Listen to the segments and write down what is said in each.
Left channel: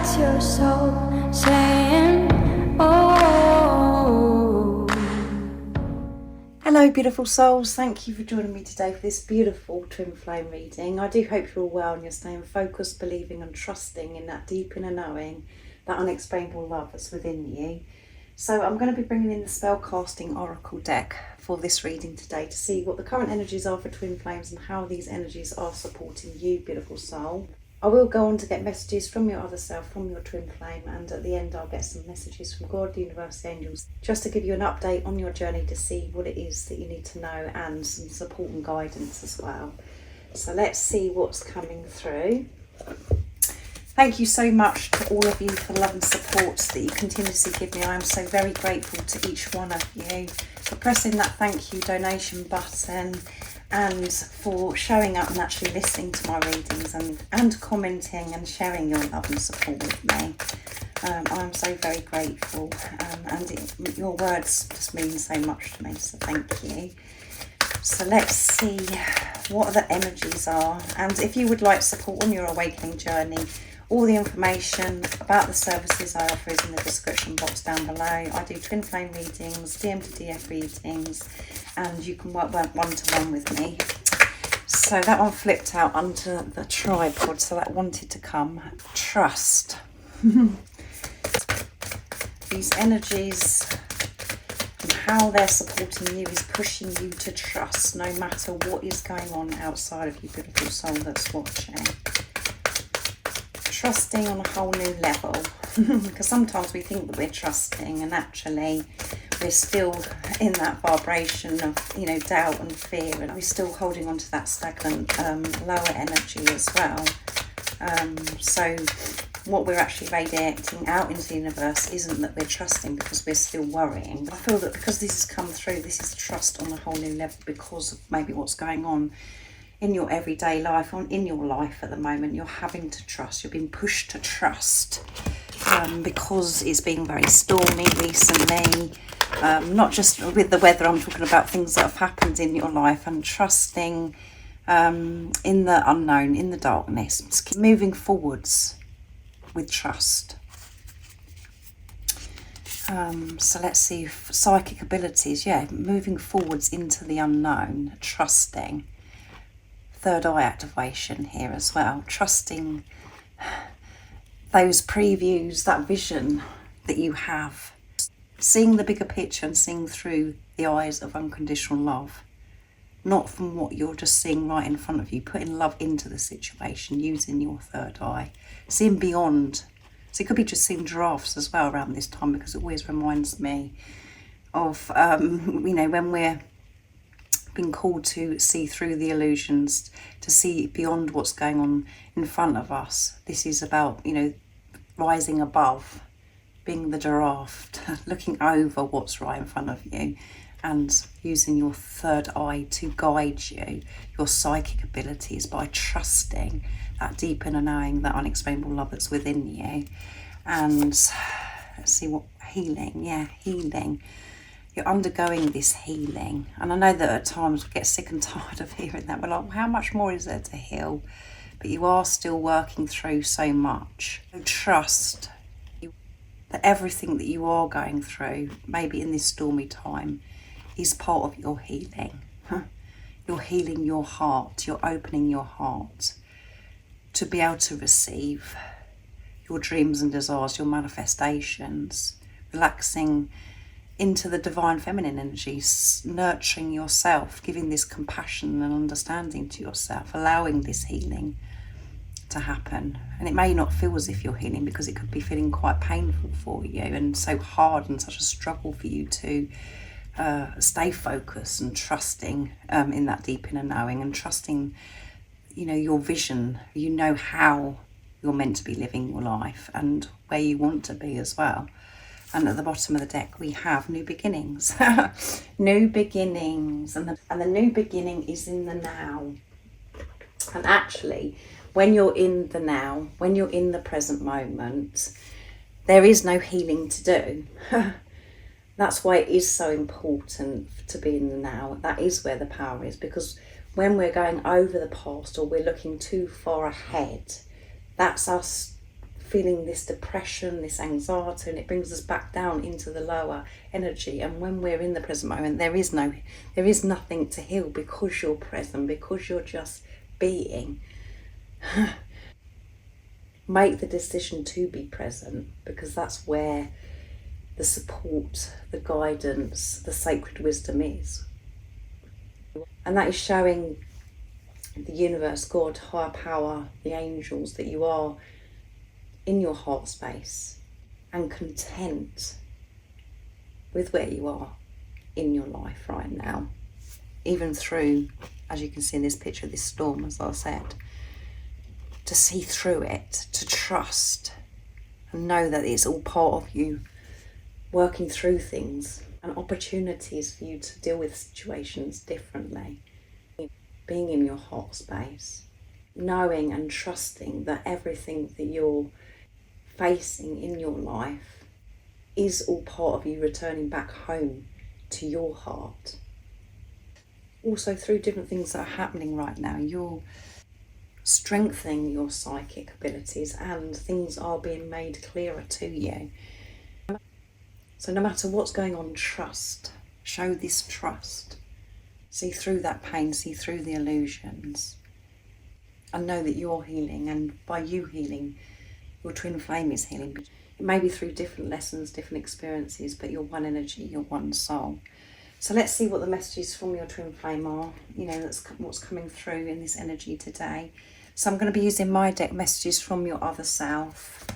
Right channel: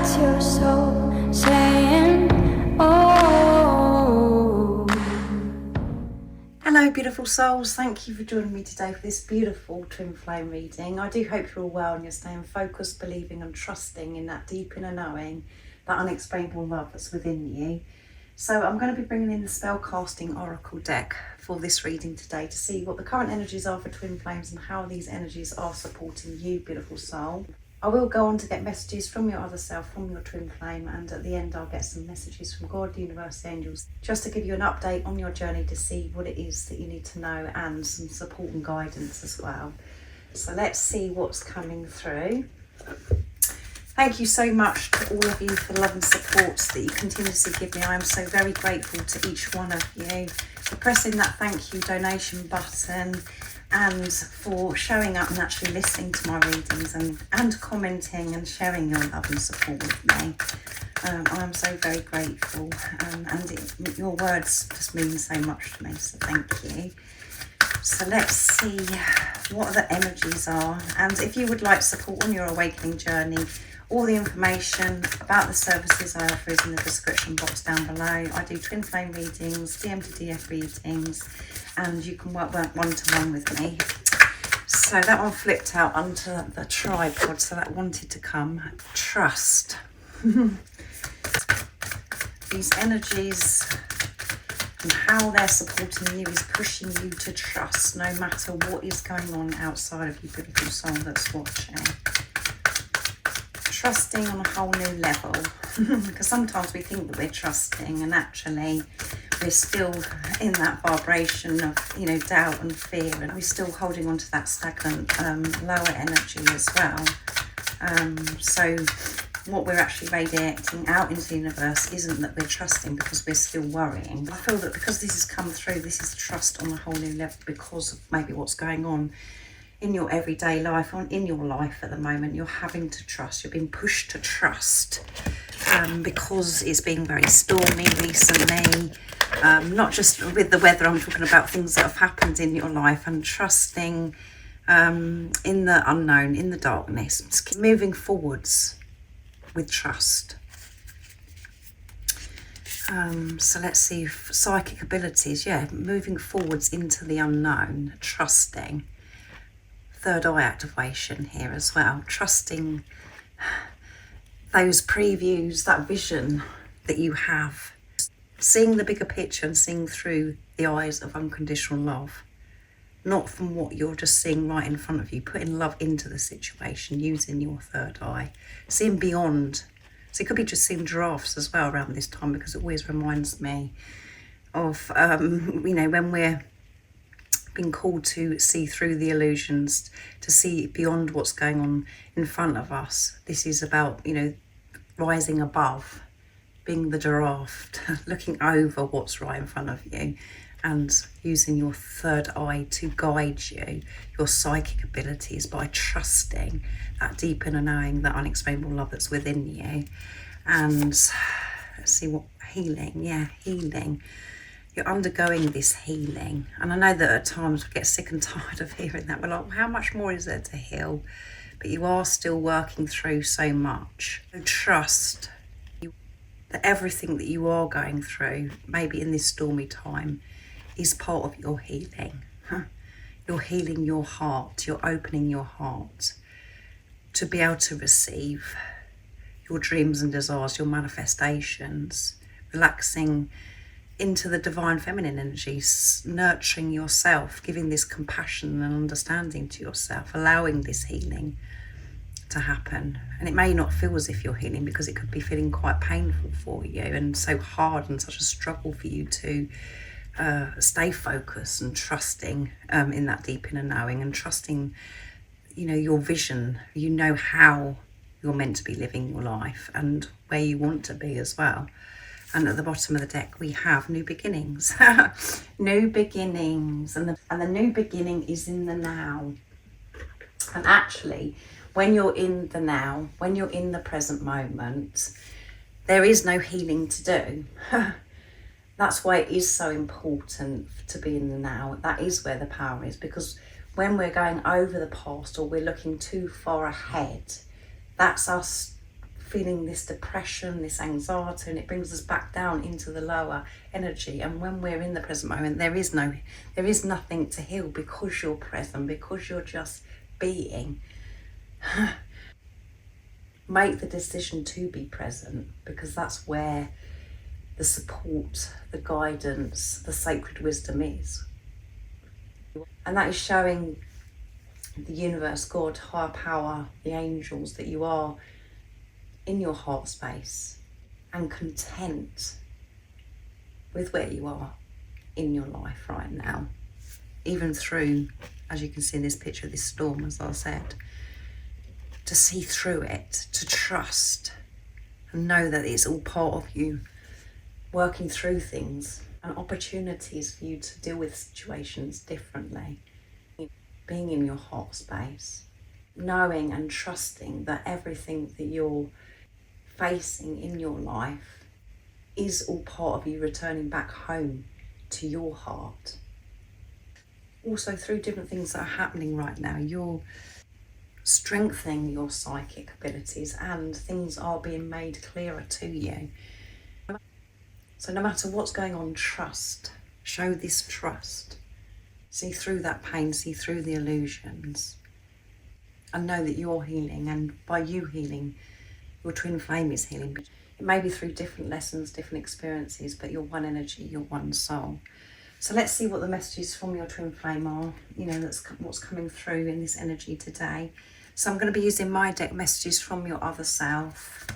That's your soul saying, oh. Hello beautiful souls, thank you for joining me today for this beautiful twin flame reading. I do hope you're all well and you're staying focused, believing and trusting in that deep inner knowing, that unexplainable love that's within you. So I'm going to be bringing in the spellcasting oracle deck for this reading today to see what the current energies are for twin flames and how these energies are supporting you, beautiful soul. I will go on to get messages from your other self, from your twin flame, and at the end I'll get some messages from God, the universe, the angels, just to give you an update on your journey to see what it is that you need to know and some support and guidance as well. So let's see what's coming through. Thank you so much to all of you for the love and support that you continuously give me. I am so very grateful to each one of you for pressing that thank you donation button and for showing up and actually listening to my readings and commenting and sharing your love and support with me. I am so very grateful, and your words just mean so much to me, so thank you. So let's see what the energies are, and if you would like support on your awakening journey, all the information about the services I offer is in the description box down below. I do twin flame readings, DM to DF readings, and you can work one-to-one with me. So that one flipped out onto the tripod, so that wanted to come. Trust. These energies and how they're supporting you is pushing you to trust no matter what is going on outside of you, beautiful soul that's watching. Trusting on a whole new level, because sometimes we think that we're trusting and actually we're still in that vibration of, you know, doubt and fear, and we're still holding on to that stagnant lower energy as well. So what we're actually radiating out into the universe isn't that we're trusting because we're still worrying. I feel that because this has come through, this is trust on a whole new level because of maybe what's going on in your everyday life, or in your life at the moment. You're having to trust, you're being pushed to trust, because it's been very stormy recently, not just with the weather, I'm talking about things that have happened in your life, and trusting in the unknown, in the darkness. Just keep moving forwards with trust. So let's see, psychic abilities, yeah, moving forwards into the unknown, trusting. Third eye activation here as well, trusting those previews, that vision that you have, seeing the bigger picture and seeing through the eyes of unconditional love, not from what you're just seeing right in front of you, putting love into the situation, using your third eye, seeing beyond. So it could be just seeing giraffes as well around this time, because it always reminds me of you know, when we're been called to see through the illusions, to see beyond what's going on in front of us. This is about, you know, rising above, being the giraffe, looking over what's right in front of you and using your third eye to guide you, your psychic abilities, by trusting that deep inner knowing, that unexplainable love that's within you. And let's see what healing, yeah, healing. You're undergoing this healing, and I know that at times we get sick and tired of hearing that. We're like, how much more is there to heal? But you are still working through so much. So trust that everything that you are going through, maybe in this stormy time, is part of your healing. You're healing your heart, you're opening your heart to be able to receive your dreams and desires, your manifestations, relaxing into the divine feminine energies, nurturing yourself, giving this compassion and understanding to yourself, allowing this healing to happen. And it may not feel as if you're healing, because it could be feeling quite painful for you and so hard and such a struggle for you to stay focused and trusting in that deep inner knowing, and trusting, you know, your vision. You know how you're meant to be living your life and where you want to be as well. And at the bottom of the deck we have new beginnings. New beginnings, and the new beginning is in the now. And actually, when you're in the now, when you're in the present moment, there is no healing to do. That's why it is so important to be in the now. That is where the power is, because when we're going over the past or we're looking too far ahead, that's us feeling this depression, this anxiety, and it brings us back down into the lower energy. And when we're in the present moment, there is nothing to heal, because you're present, because you're just being. Make the decision to be present, because that's where the support, the guidance, the sacred wisdom is. And that is showing the universe, God, higher power, the angels, that you are in your heart space and content with where you are in your life right now. Even through, as you can see in this picture, this storm, as I said, to see through it, to trust and know that it's all part of you working through things and opportunities for you to deal with situations differently. Being in your heart space, knowing and trusting that everything that you're facing in your life is all part of you returning back home to your heart. Also, through different things that are happening right now, you're strengthening your psychic abilities and things are being made clearer to you. So no matter what's going on, trust. Show this trust. See through that pain, see through the illusions, and know that you're healing, and by you healing, your twin flame is healing. It may be through different lessons, different experiences, but you're one energy, you're one soul. So let's see what the messages from your twin flame are, that's what's coming through in this energy today. So I'm going to be using my deck, messages from your other self.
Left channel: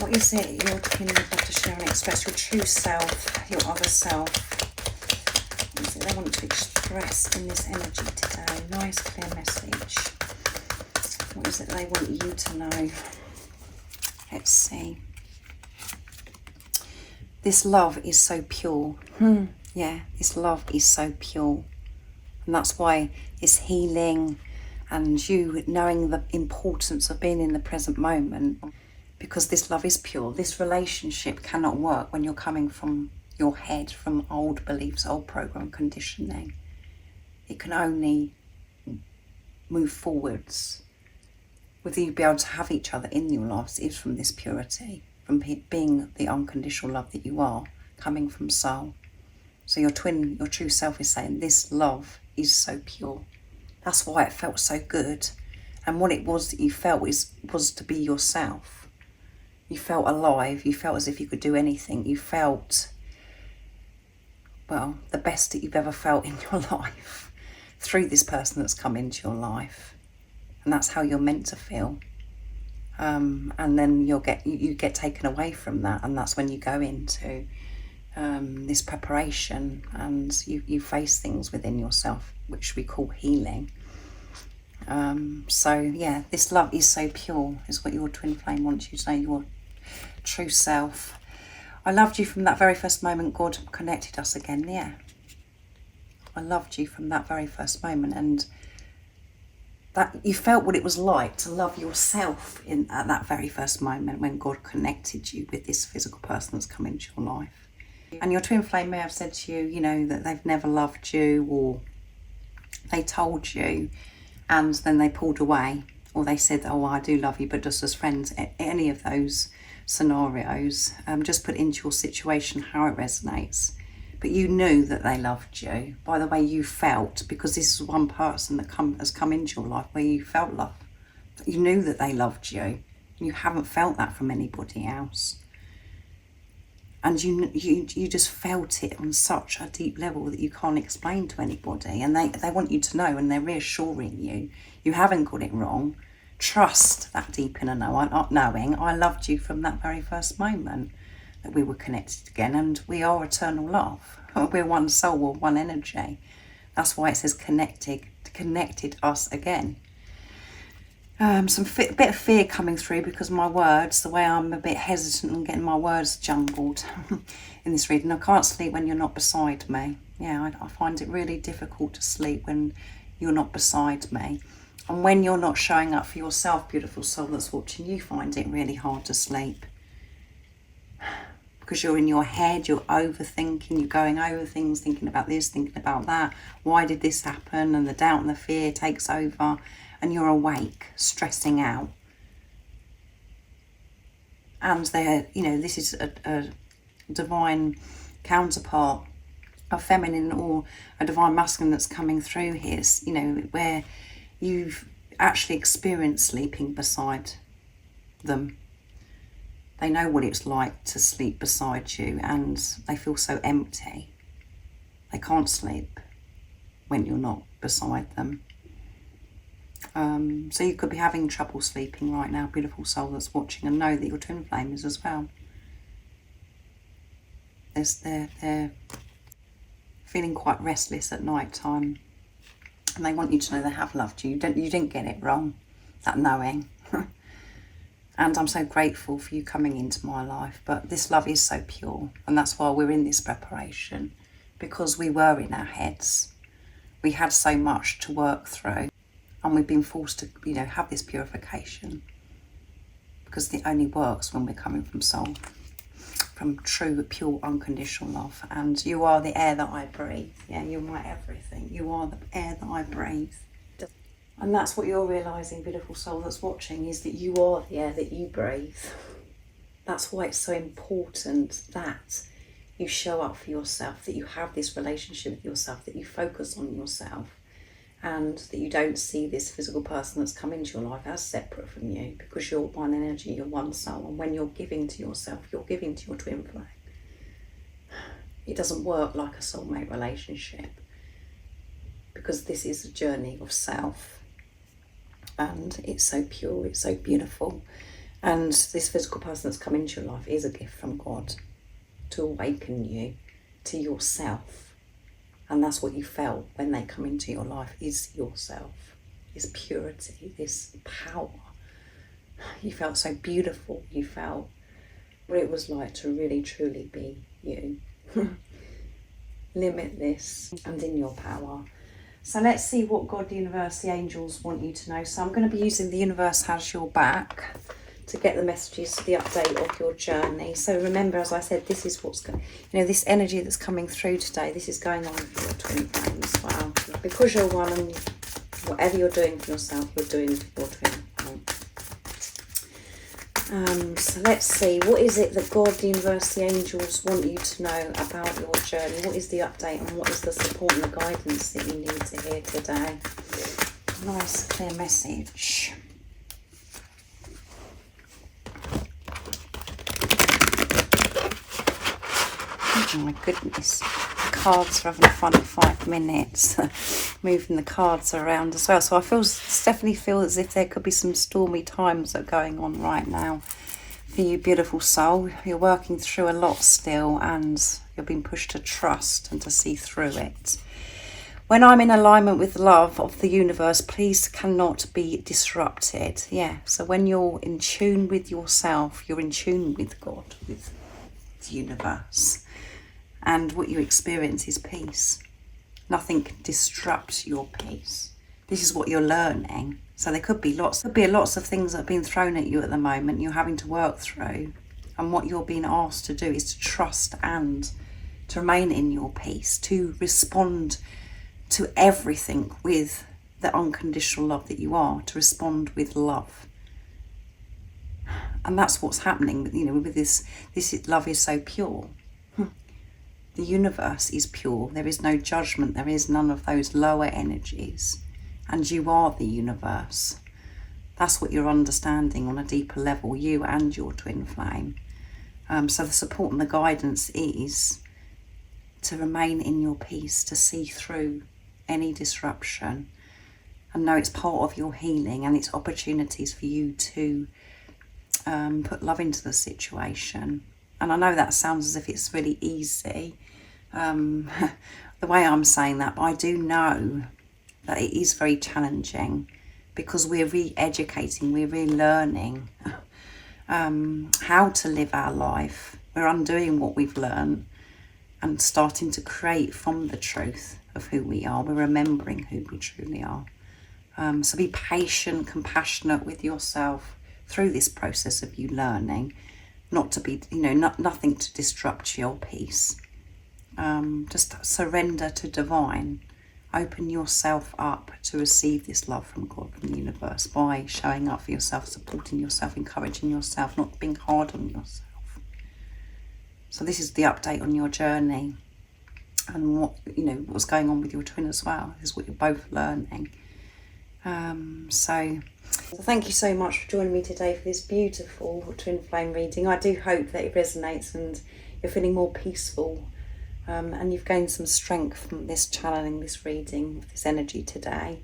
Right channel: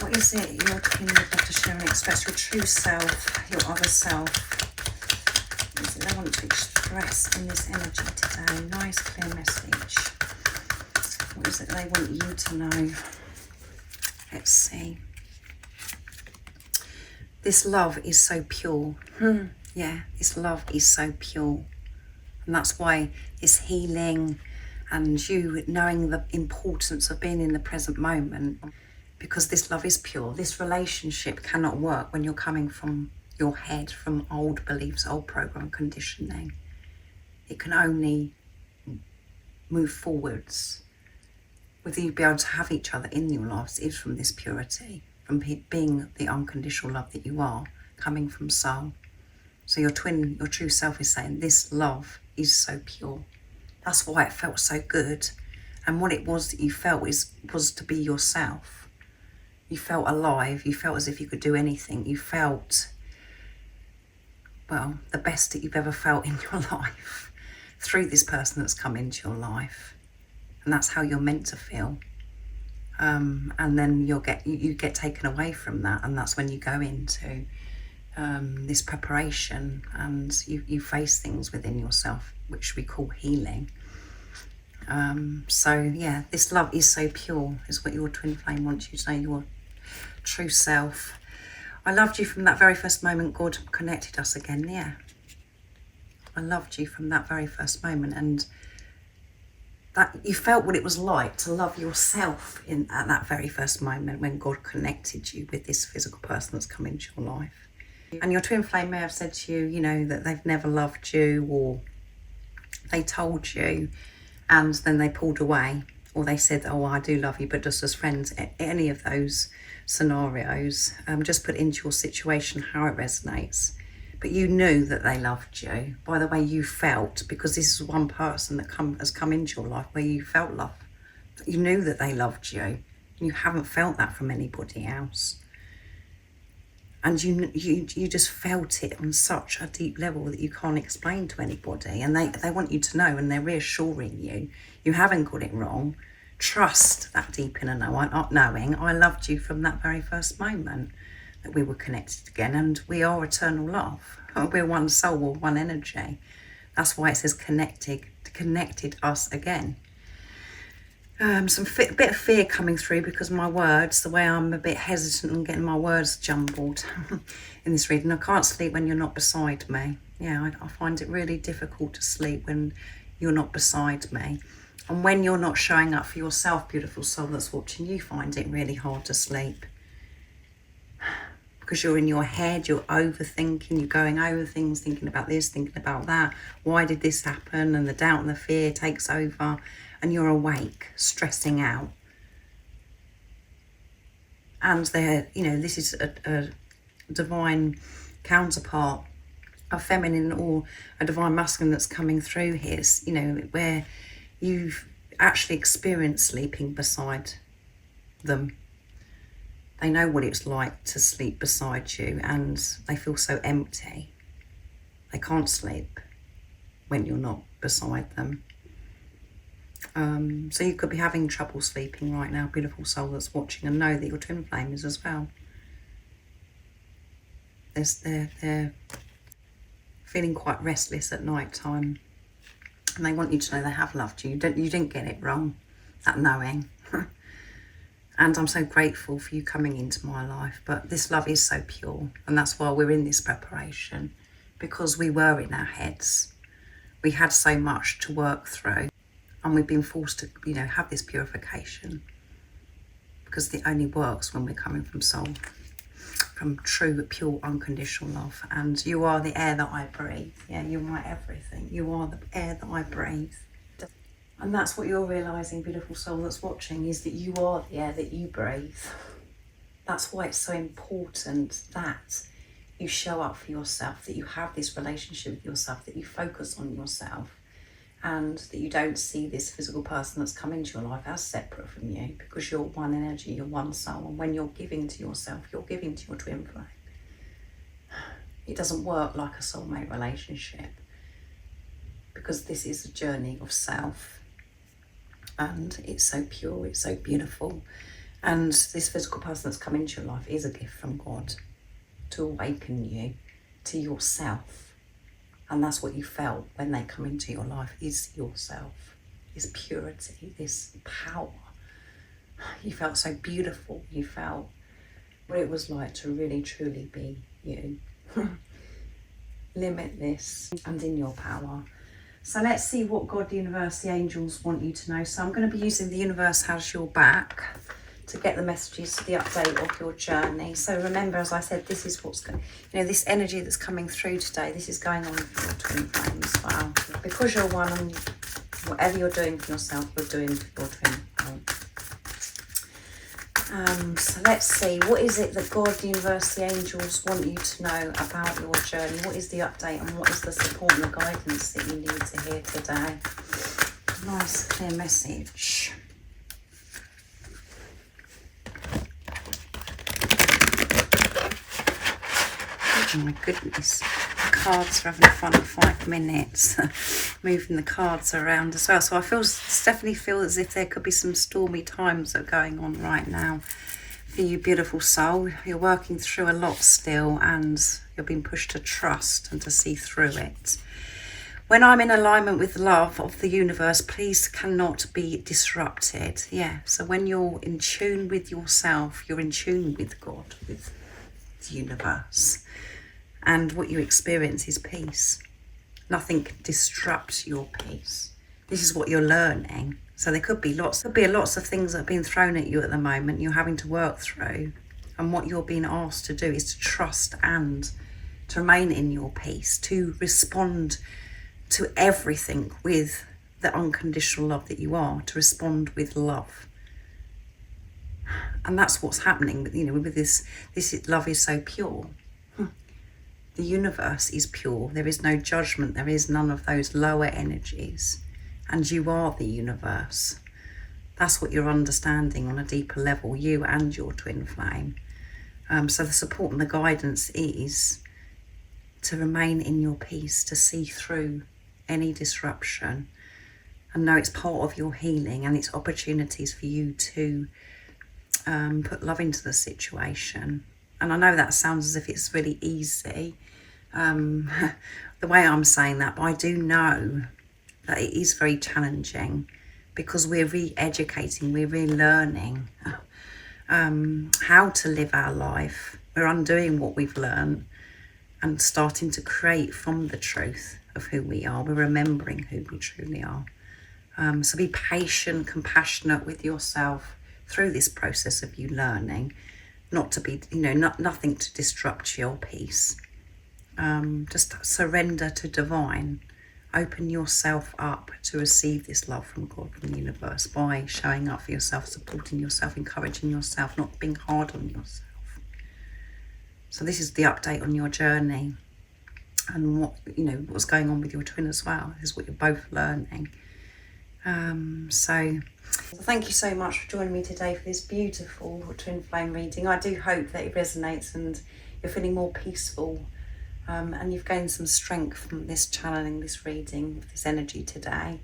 What is it your twin would like to share and express? Your true self, your other self. What is it they want to express in this energy today? Nice, clear message. What is it they want you to know? Let's see. This love is so pure. Yeah, this love is so pure. And that's why this healing and you knowing the importance of being in the present moment, because this love is pure. This relationship cannot work when you're coming from your head, from old beliefs, old program conditioning. It can only move forwards with you be able to have each other in your lives is from this purity, from being the unconditional love that you are, coming from soul. So your true self is saying this love is so pure. That's why it felt so good. And what it was that you felt was to be yourself. You felt alive. You felt as if you could do anything. You felt, well, the best that you've ever felt in your life through this person that's come into your life. And that's how you're meant to feel. And then you get taken away from that, and that's when you go into this preparation and you face things within yourself, which we call healing. So yeah, this love is so pure, is what your twin flame wants you to know, your true self. I loved you from that very first moment God connected us again. Yeah, I loved you from that very first moment, and that you felt what it was like to love yourself at that very first moment when God connected you with this physical person that's come into your life. And your twin flame may have said to you, that they've never loved you, or they told you and then they pulled away, or they said, oh, I do love you, but just as friends. Any of those scenarios, just put into your situation how it resonates. But you knew that they loved you by the way you felt, because this is one person that has come into your life where you felt love. You knew that they loved you. You haven't felt that from anybody else. And you just felt it on such a deep level that you can't explain to anybody. And they want you to know, and they're reassuring you. You haven't got it wrong. Trust that deep inner knowing. I loved you from that very first moment that we were connected again. And we are eternal love. We're one soul, we're one energy. That's why it says connected us again. Some bit of fear coming through because my words, the way I'm a bit hesitant and getting my words jumbled in this reading. I can't sleep when you're not beside me. Yeah, I find it really difficult to sleep when you're not beside me. And when you're not showing up for yourself, beautiful soul that's watching, you find it really hard to sleep. Because you're in your head, you're overthinking, you're going over things, thinking about this, thinking about that. Why did this happen? And the doubt and the fear takes over. And you're awake, stressing out. and they're, you know, this is a divine counterpart, a feminine or a divine masculine that's coming through here, you know, where you've actually experienced sleeping beside them. They know what it's like to sleep beside you, and they feel so empty. They can't sleep when you're not beside them. So you could be having trouble sleeping right now, beautiful soul that's watching, and know that your twin flame is as well. They're feeling quite restless at night time, and they want you to know they have loved you. You didn't get it wrong, that knowing. And I'm so grateful for you coming into my life. But this love is so pure, and that's why we're in this preparation, because we were in our heads. We had so much to work through, and we've been forced to, you know, have this purification, because it only works when we're coming from soul, from true, pure, unconditional love. And you are the air that I breathe. Yeah, you are everything. You are the air that I breathe. And that's what you're realising, beautiful soul that's watching, is that you are the air that you breathe. That's why it's so important that you show up for yourself, that you have this relationship with yourself, that you focus on yourself, and that you don't see this physical person that's come into your life as separate from you, because you're one energy, you're one soul. And when you're giving to yourself, you're giving to your twin flame. It doesn't work like a soulmate relationship, because this is a journey of self. And it's so pure, it's so beautiful. And this physical person that's come into your life is a gift from God to awaken you to yourself. And that's what you felt when they come into your life, is yourself, this purity, this power. You felt so beautiful. You felt what it was like to really, truly be you. Limitless and in your power. So let's see what God, the universe, the angels want you to know. So I'm going to be using the universe has your back to get the messages, the update of your journey. So remember, as I said, this is what's going, you know, this energy that's coming through today, this is going on for your twin flame as well. Because you're one, and whatever you're doing for yourself, you're doing for your twin flame. So let's see, what is it that God, the universe, the angels want you to know about your journey? What is the update, and what is the support and the guidance that you need to hear today? Nice, clear message. Oh my goodness, the cards are having fun at 5 minutes, moving the cards around as well. So I definitely feel as if there could be some stormy times that are going on right now for you, beautiful soul. You're working through a lot still, and you're being pushed to trust and to see through it. When I'm in alignment with love of the universe, please cannot be disrupted. Yeah, so when you're in tune with yourself, you're in tune with God, with the universe. And what you experience is peace. Nothing can disrupt your peace. This is what you're learning. So there could be lots of things that are being thrown at you at the moment you're having to work through. And what you're being asked to do is to trust and to remain in your peace, to respond to everything with the unconditional love that you are, to respond with love. And that's what's happening, you know, with this love is so pure. The universe is pure. There is no judgment. There is none of those lower energies. And you are the universe. That's what you're understanding on a deeper level, you and your twin flame. So the support and the guidance is to remain in your peace, to see through any disruption, and know it's part of your healing, and it's opportunities for you to put love into the situation. And I know that sounds as if it's really easy, the way I'm saying that, but I do know that it is very challenging, because we're re-educating, we're relearning how to live our life. We're undoing what we've learned and starting to create from the truth of who we are. We're remembering who we truly are. So be patient, compassionate with yourself through this process of you learning, not to be, you know, nothing to disrupt your peace. Just surrender to divine Open yourself up to receive this love from God, from the universe, by showing up for yourself, supporting yourself, encouraging yourself, not being hard on yourself. So this is the update on your journey and what, you know, what's going on with your twin as well. This is what you're both learning. So thank you so much for joining me today for this beautiful twin flame reading. I do hope that it resonates and you're feeling more peaceful, and you've gained some strength from this channeling, this reading, this energy today.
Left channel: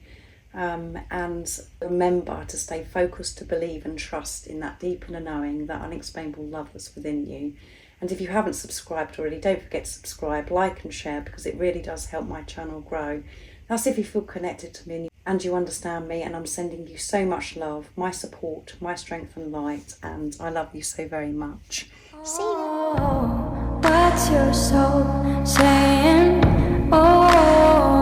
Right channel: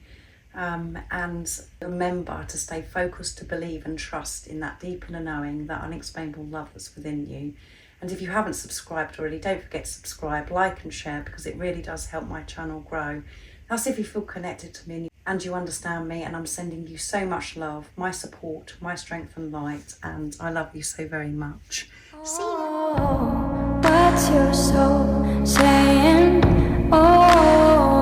And remember to stay focused, to believe and trust in that deep inner knowing, that unexplainable love that's within you. And if you haven't subscribed already, don't forget to subscribe, like and share, because it really does help my channel grow. That's if you feel connected to me and you understand me, and I'm sending you so much love, my support, my strength and light, and I love you so very much. See you. What's your soul saying? Oh.